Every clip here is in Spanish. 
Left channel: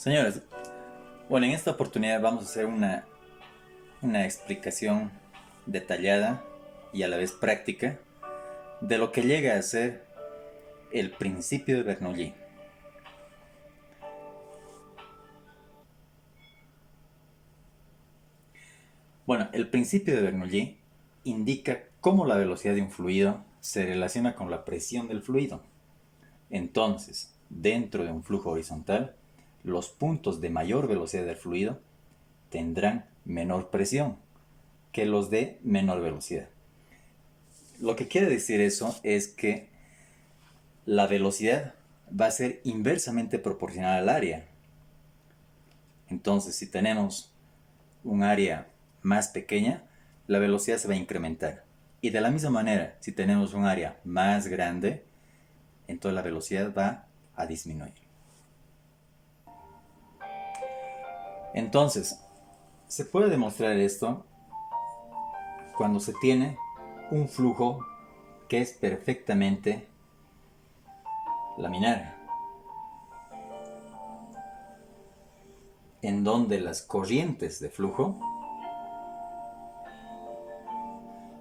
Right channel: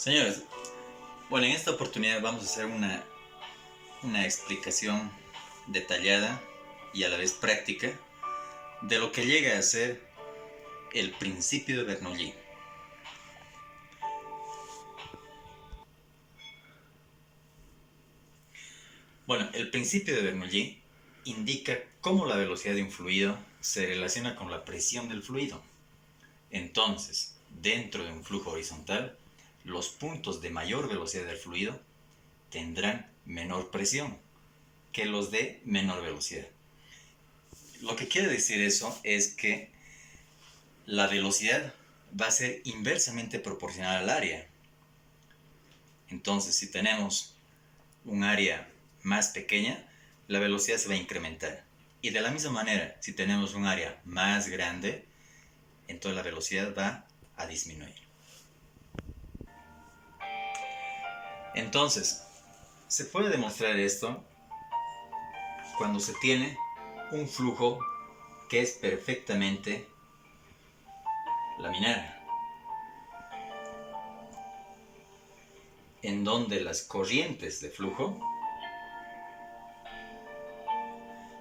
Señores, bueno, en esta oportunidad vamos a hacer una explicación detallada y a la vez práctica de lo que llega a ser el principio de Bernoulli. Bueno, el principio de Bernoulli indica cómo la velocidad de un fluido se relaciona con la presión del fluido. Entonces, dentro de un flujo horizontal, los puntos de mayor velocidad del fluido tendrán menor presión que los de menor velocidad. Lo que quiere decir eso es que la velocidad va a ser inversamente proporcional al área. Entonces, si tenemos un área más pequeña, la velocidad se va a incrementar. Y de la misma manera, si tenemos un área más grande, entonces la velocidad va a disminuir. Entonces, se puede demostrar esto cuando se tiene un flujo que es perfectamente laminar, en donde las corrientes de flujo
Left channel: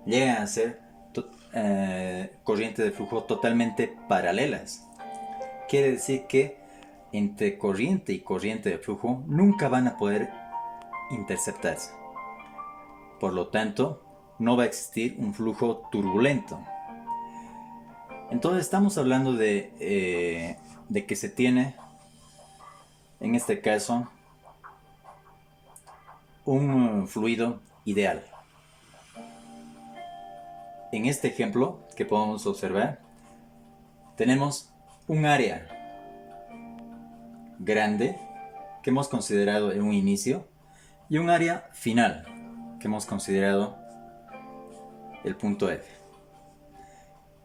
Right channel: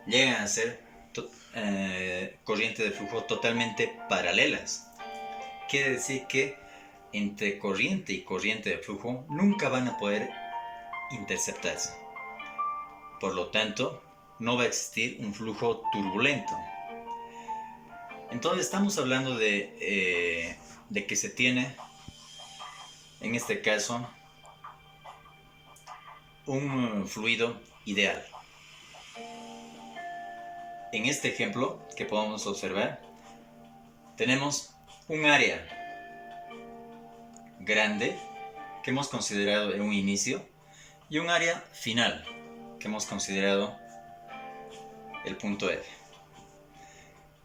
llegan a ser corrientes de flujo totalmente paralelas. Quiere decir que entre corriente y corriente de flujo nunca van a poder interceptarse. Por lo tanto, no va a existir un flujo turbulento. Entonces estamos hablando de que se tiene, en este caso, un fluido ideal. En este ejemplo que podemos observar, tenemos un área grande que hemos considerado en un inicio y un área final que hemos considerado el punto F.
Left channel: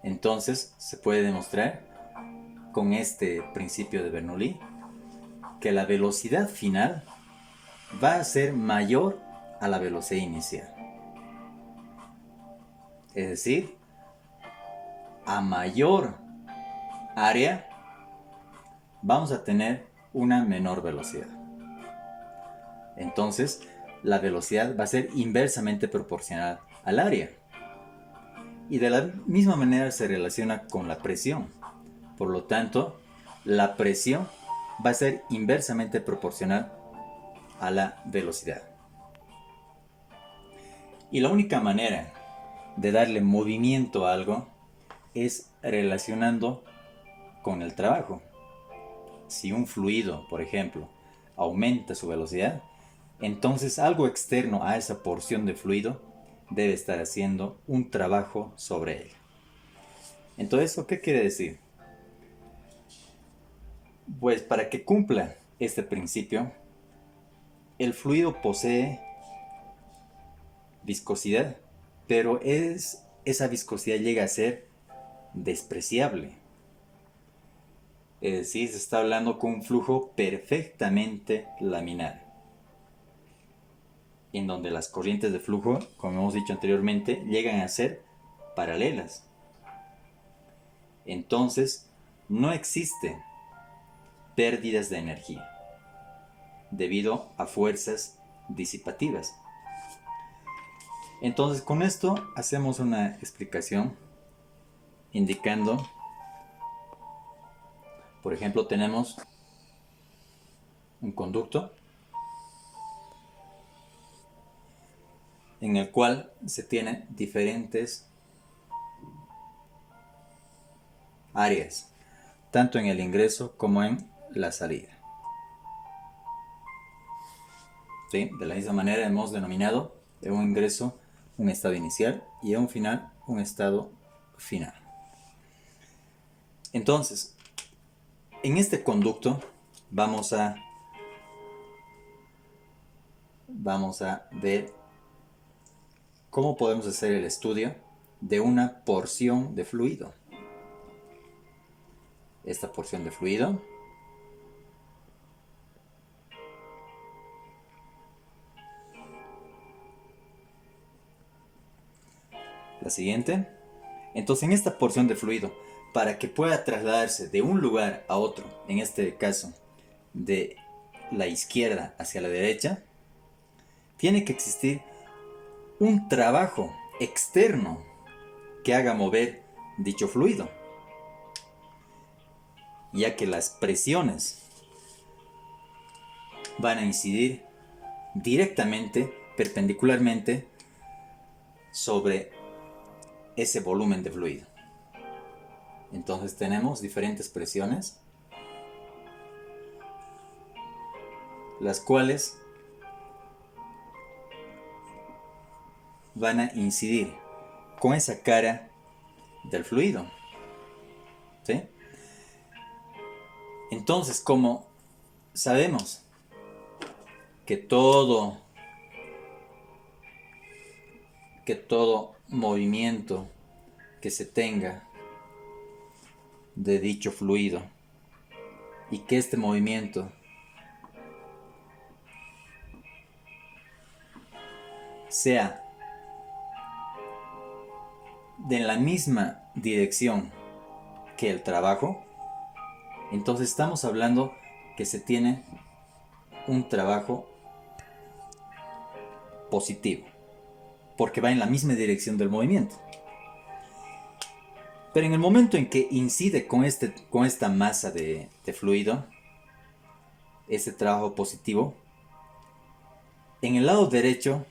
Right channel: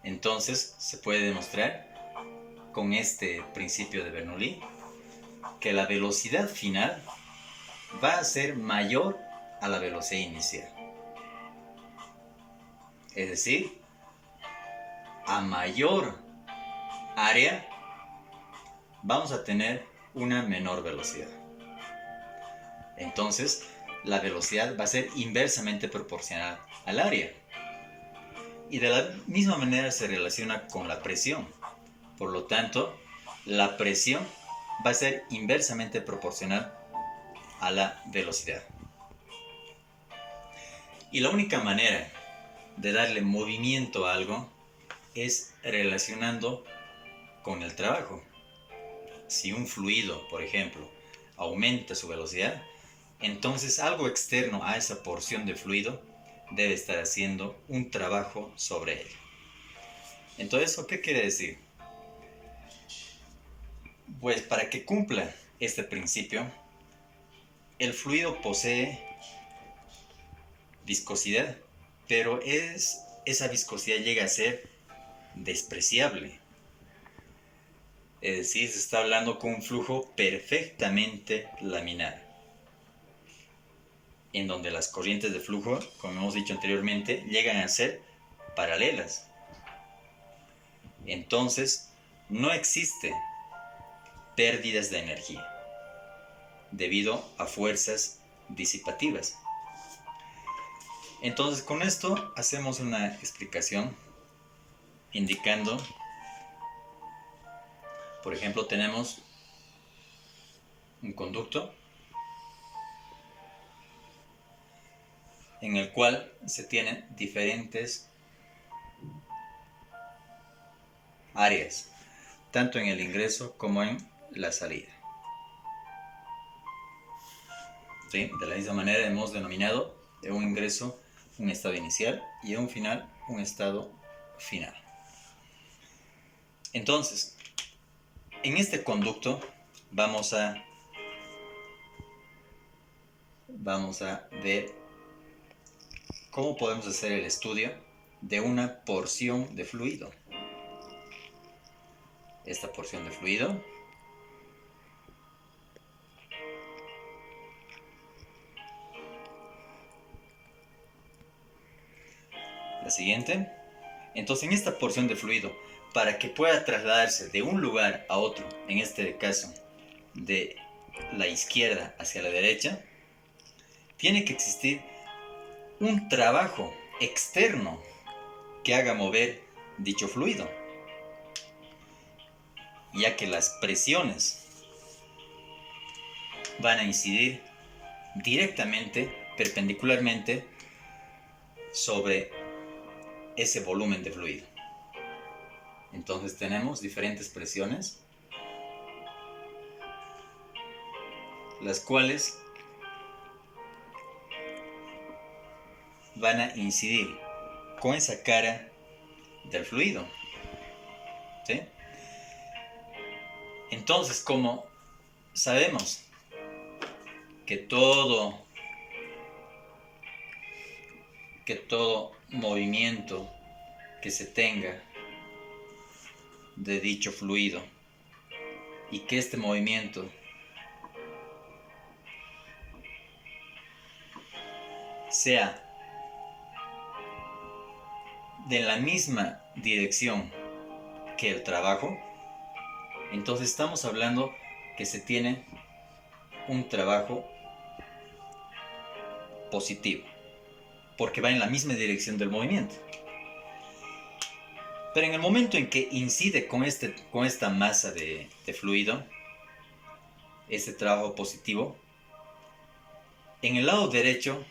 Entonces se puede demostrar con este principio de Bernoulli que la velocidad final va a ser mayor a la velocidad inicial. Es decir, a mayor área vamos a tener una menor velocidad. Entonces, la velocidad va a ser inversamente proporcional al área. Y de la misma manera se relaciona con la presión. Por lo tanto, la presión va a ser inversamente proporcional a la velocidad. Y la única manera de darle movimiento a algo es relacionando con el trabajo. Si un fluido, por ejemplo, aumenta su velocidad, entonces algo externo a esa porción de fluido debe estar haciendo un trabajo sobre él. Entonces, ¿eso qué quiere decir? Pues para que cumpla este principio, el fluido posee viscosidad, pero esa viscosidad llega a ser despreciable. Es decir, se está hablando con un flujo perfectamente laminar, en donde las corrientes de flujo, como hemos dicho anteriormente, llegan a ser paralelas. Entonces, no existe pérdidas de energía debido a fuerzas disipativas. Entonces, con esto hacemos una explicación indicando, por ejemplo, tenemos un conducto en el cual se tienen diferentes áreas, tanto en el ingreso como en la salida. ¿Sí? De la misma manera hemos denominado un ingreso un estado inicial y a un final un estado final. Entonces, en este conducto vamos a ver cómo podemos hacer el estudio de una porción de fluido. Esta porción de fluido la siguiente. Entonces, en esta porción de fluido, para que pueda trasladarse de un lugar a otro, en este caso de la izquierda hacia la derecha, tiene que existir un trabajo externo que haga mover dicho fluido, ya que las presiones van a incidir directamente, perpendicularmente, sobre ese volumen de fluido. Entonces tenemos diferentes presiones, las cuales van a incidir con esa cara del fluido, ¿sí? Entonces, como sabemos que todo movimiento que se tenga de dicho fluido y que este movimiento sea de la misma dirección que el trabajo, entonces estamos hablando que se tiene un trabajo positivo, porque va en la misma dirección del movimiento. Pero en el momento en que incide con esta masa de fluido, ese trabajo positivo, en el lado derecho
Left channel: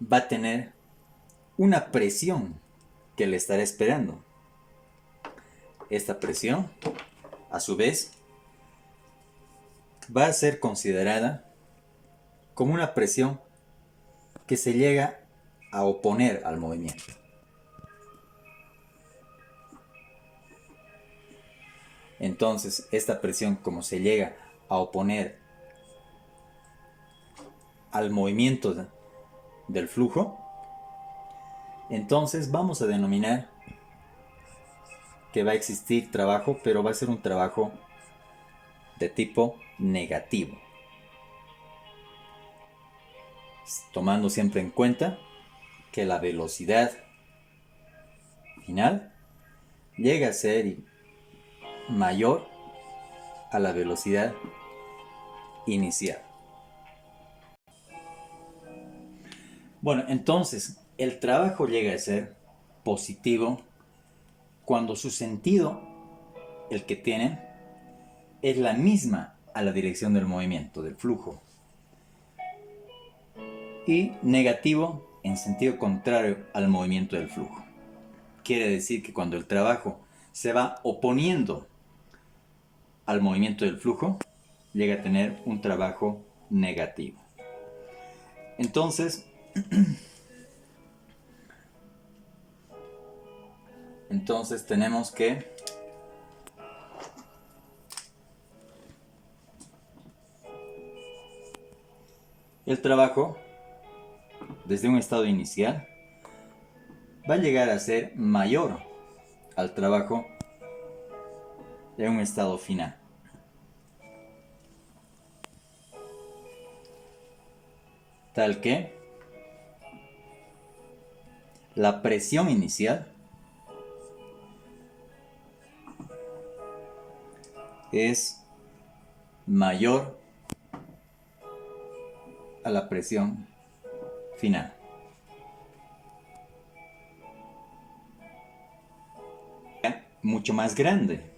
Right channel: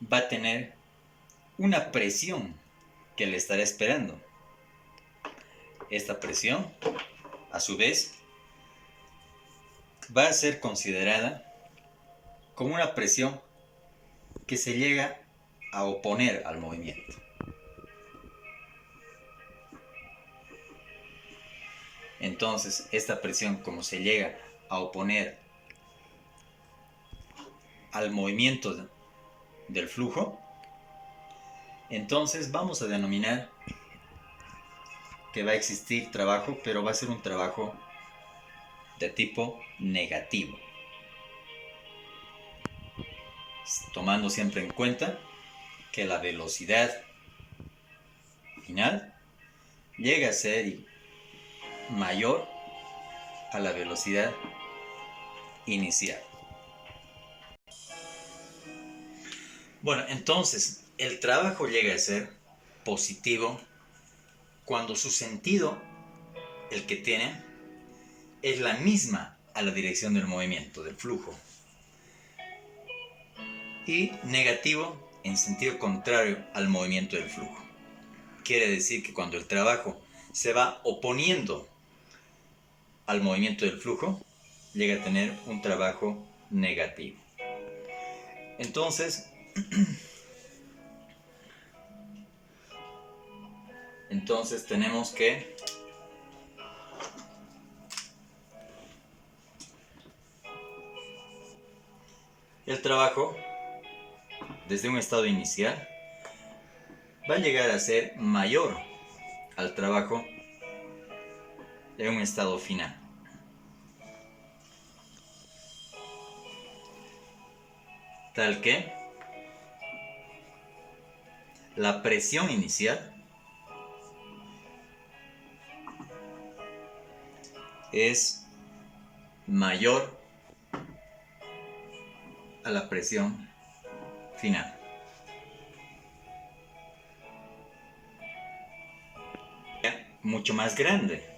va a tener una presión que le estará esperando. Esta presión, a su vez, va a ser considerada como una presión que se llega a oponer al movimiento. Entonces, esta presión, como se llega a oponer al movimiento del flujo, entonces vamos a denominar que va a existir trabajo, pero va a ser un trabajo de tipo negativo, tomando siempre en cuenta que la velocidad final llega a ser mayor a la velocidad inicial. Bueno, entonces el trabajo llega a ser positivo cuando su sentido, el que tiene, es la misma a la dirección del movimiento, del flujo. Y negativo en sentido contrario al movimiento del flujo. Quiere decir que cuando el trabajo se va oponiendo al movimiento del flujo, llega a tener un trabajo negativo. Entonces tenemos que el trabajo desde un estado inicial va a llegar a ser mayor al trabajo en un estado final. Tal que la presión inicial es mayor a la presión final. Mucho más grande.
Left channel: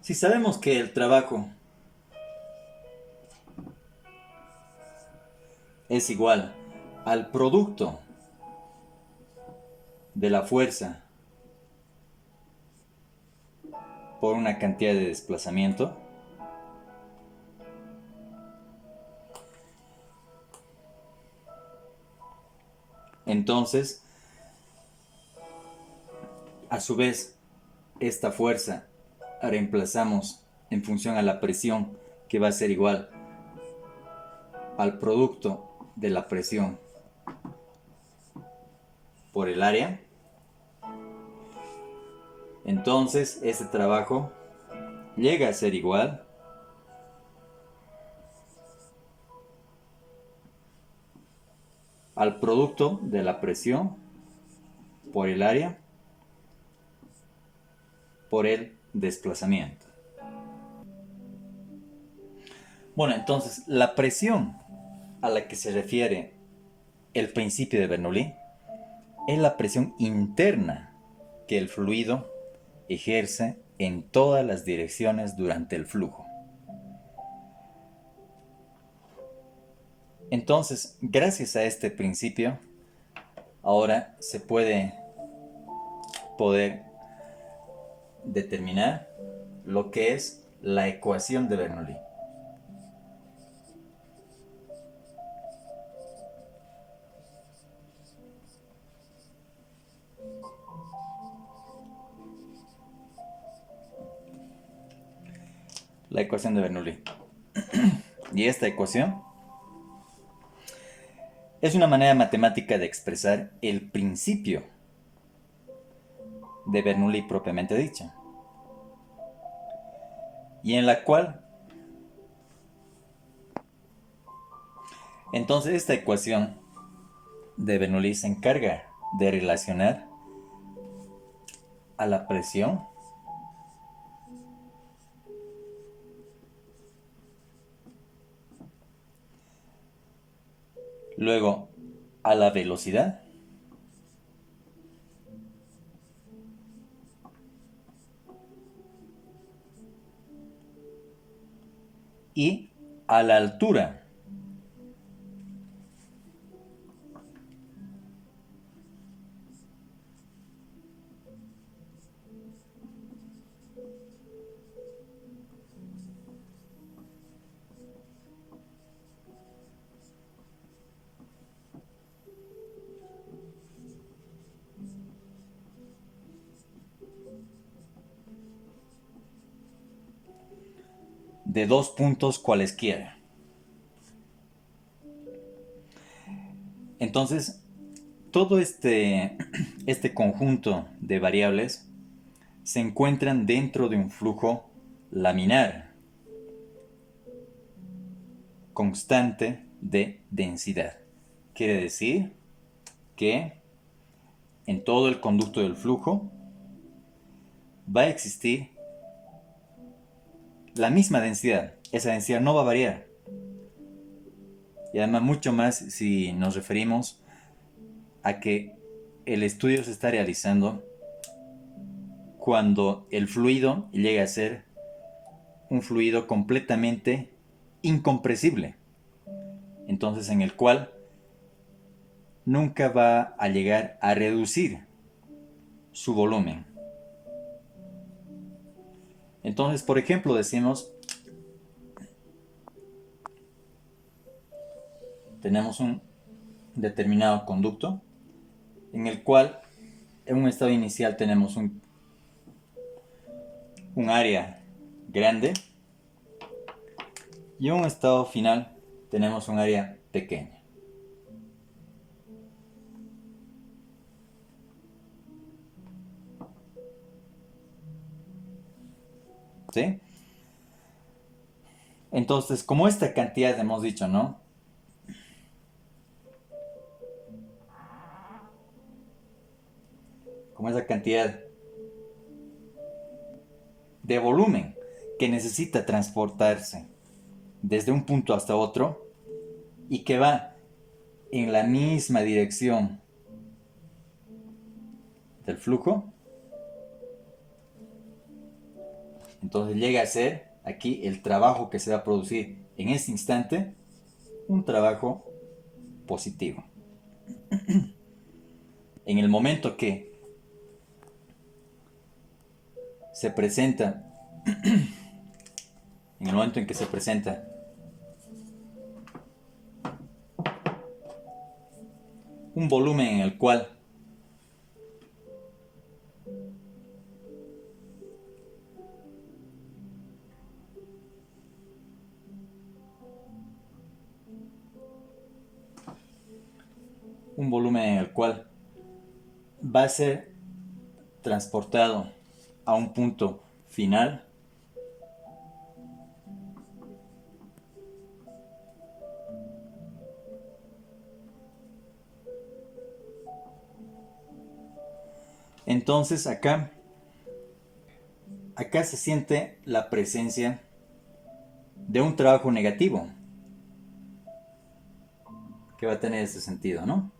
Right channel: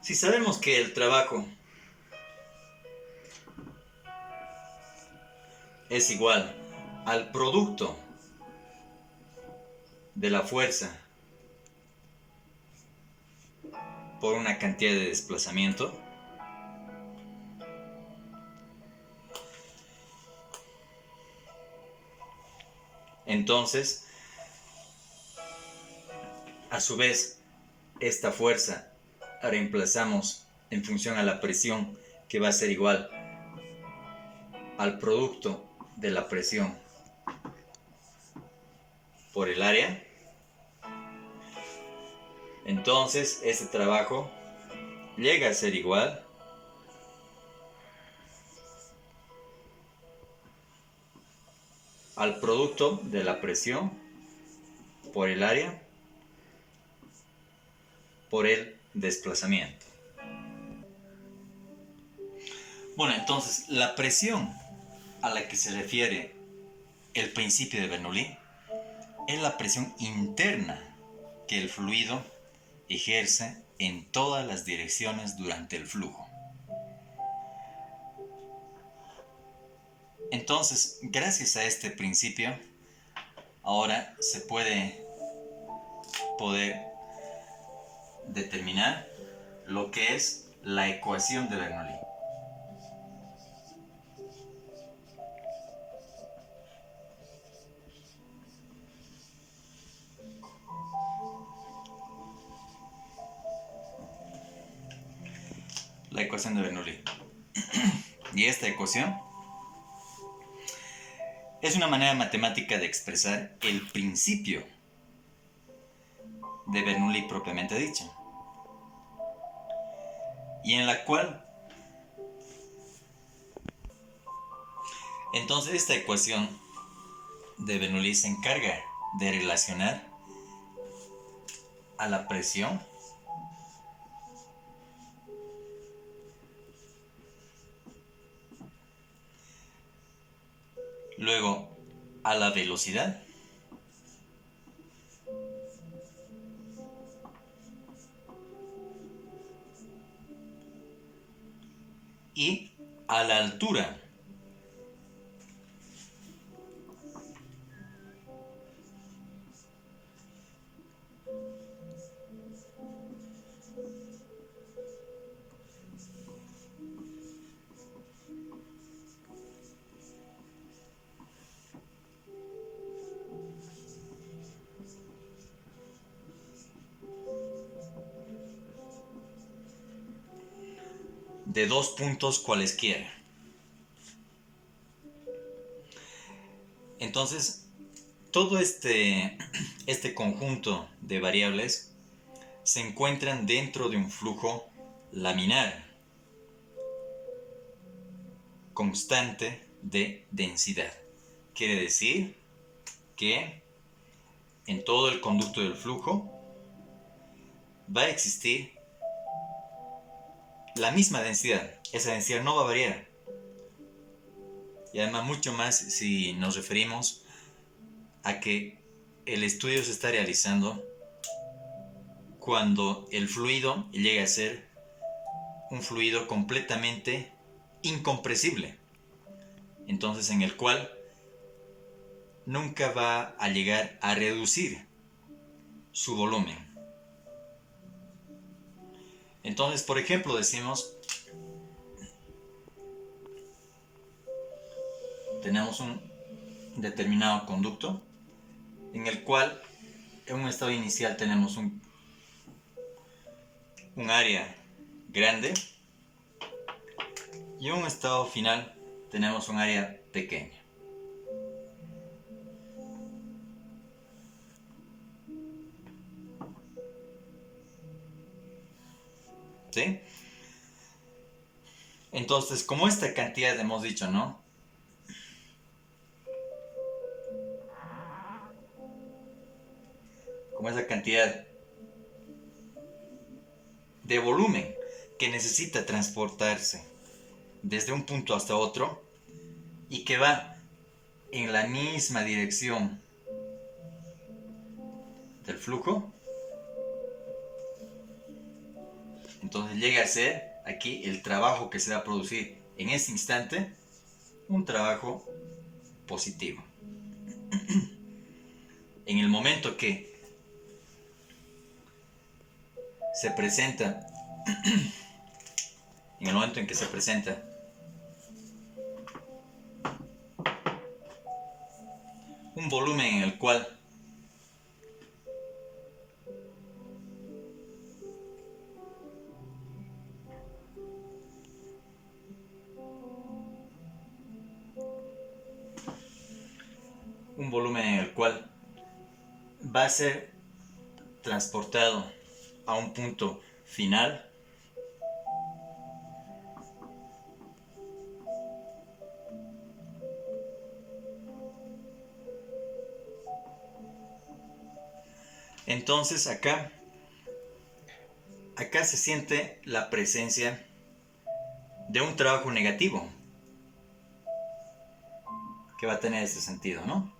Si sabemos que el trabajo es igual al producto de la fuerza por una cantidad de desplazamiento, entonces, a su vez, esta fuerza la reemplazamos en función a la presión, que va a ser igual al producto de la presión por el área. Entonces, este trabajo llega a ser igual al producto de la presión por el área por el desplazamiento. Bueno, entonces la presión a la que se refiere el principio de Bernoulli es la presión interna que el fluido ejerce en todas las direcciones durante el flujo. Entonces, gracias a este principio, ahora se puede determinar lo que es la ecuación de Bernoulli. La ecuación de Bernoulli. Y esta ecuación es una manera matemática de expresar el principio de Bernoulli propiamente dicho, y en la cual entonces esta ecuación de Bernoulli se encarga de relacionar a la presión luego a la velocidad y a la altura. De dos puntos cualesquiera. Entonces, todo este conjunto de variables se encuentran dentro de un flujo laminar constante de densidad. Quiere decir que en todo el conducto del flujo va a existir la misma densidad. Esa densidad no va a variar. Y además mucho más si nos referimos a que el estudio se está realizando cuando el fluido llega a ser un fluido completamente incompresible. Entonces en el cual nunca va a llegar a reducir su volumen. Entonces, por ejemplo, decimos, tenemos un determinado conducto en el cual en un estado inicial tenemos un área grande y en un estado final tenemos un área pequeña. ¿Sí? Entonces, como esta cantidad hemos dicho, ¿no? Como esa cantidad de volumen que necesita transportarse desde un punto hasta otro y que va en la misma dirección del flujo, entonces llega a ser aquí el trabajo que se va a producir en ese instante un trabajo positivo. En el momento que se presenta, en el momento en que se presenta un volumen en el cual va a ser transportado a un punto final, entonces acá se siente la presencia de un trabajo negativo que va a tener ese sentido, ¿no?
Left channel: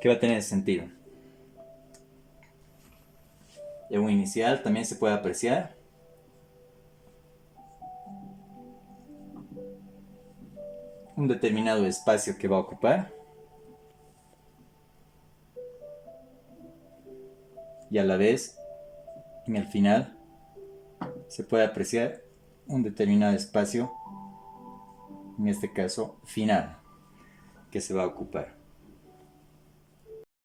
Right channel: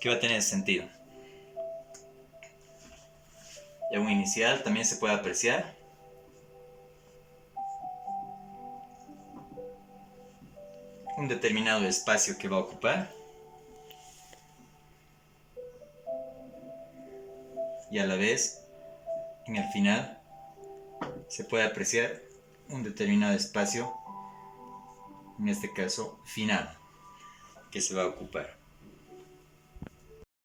Que va a tener ese sentido. En un inicial también se puede apreciar un determinado espacio que va a ocupar y a la vez en el final se puede apreciar un determinado espacio, en este caso final, que se va a ocupar.